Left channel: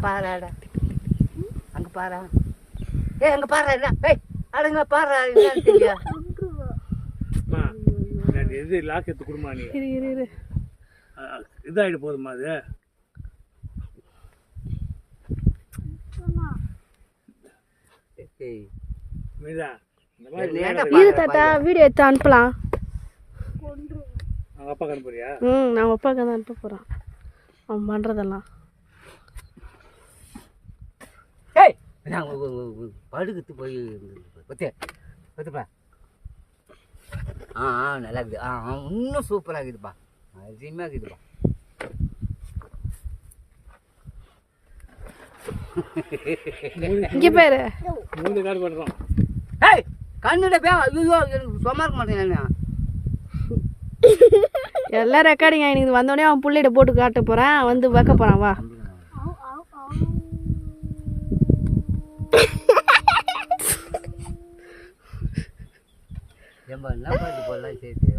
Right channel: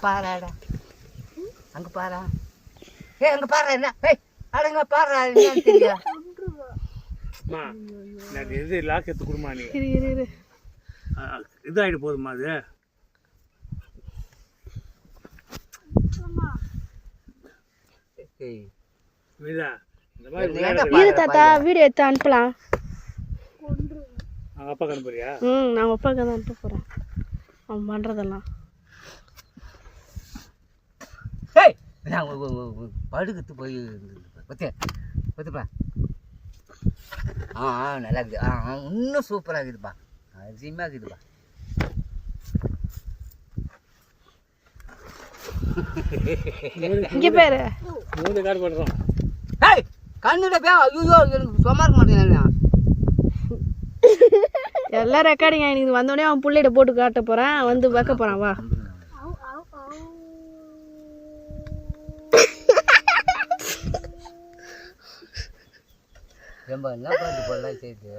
பாராடா அங்கே பாரா அங்கே பாரு என்ன அடங்க பாரு என்னன்னு தெரியா இது லாக் எடுத்து கொடுமா நீ இதாகிட்டு போதுமா அது தாத்தா வீடியோ எடுத்து அனுப்பலாம் அப்பா அனுப்புறியா நான் அப்பாவுக்கு தான் அனுப்ப போகிறேன் அவன் பண்ணுறதெல்லாம் படுக்குத்து போய் பத்துப்பா நல்லா இருக்குது இன்னும் சூப்பராக இருக்குதுப்பா அருமையாக இருக்குதுப்பா இங்கே பேர் கண்ணுட பே ஐயோ எனக்கு சும்மா இருக்க மாட்டேன் எல்லாம் ரெக்கார்டிங் ஆகிடுது வந்தோடனே அவன் பிள்ளைகிட்ட போட்டு காட்ட போகிறேன் வந்து வைக்க போகிறான் வா ரொம்ப என்ன போடலாம் சேர்த்து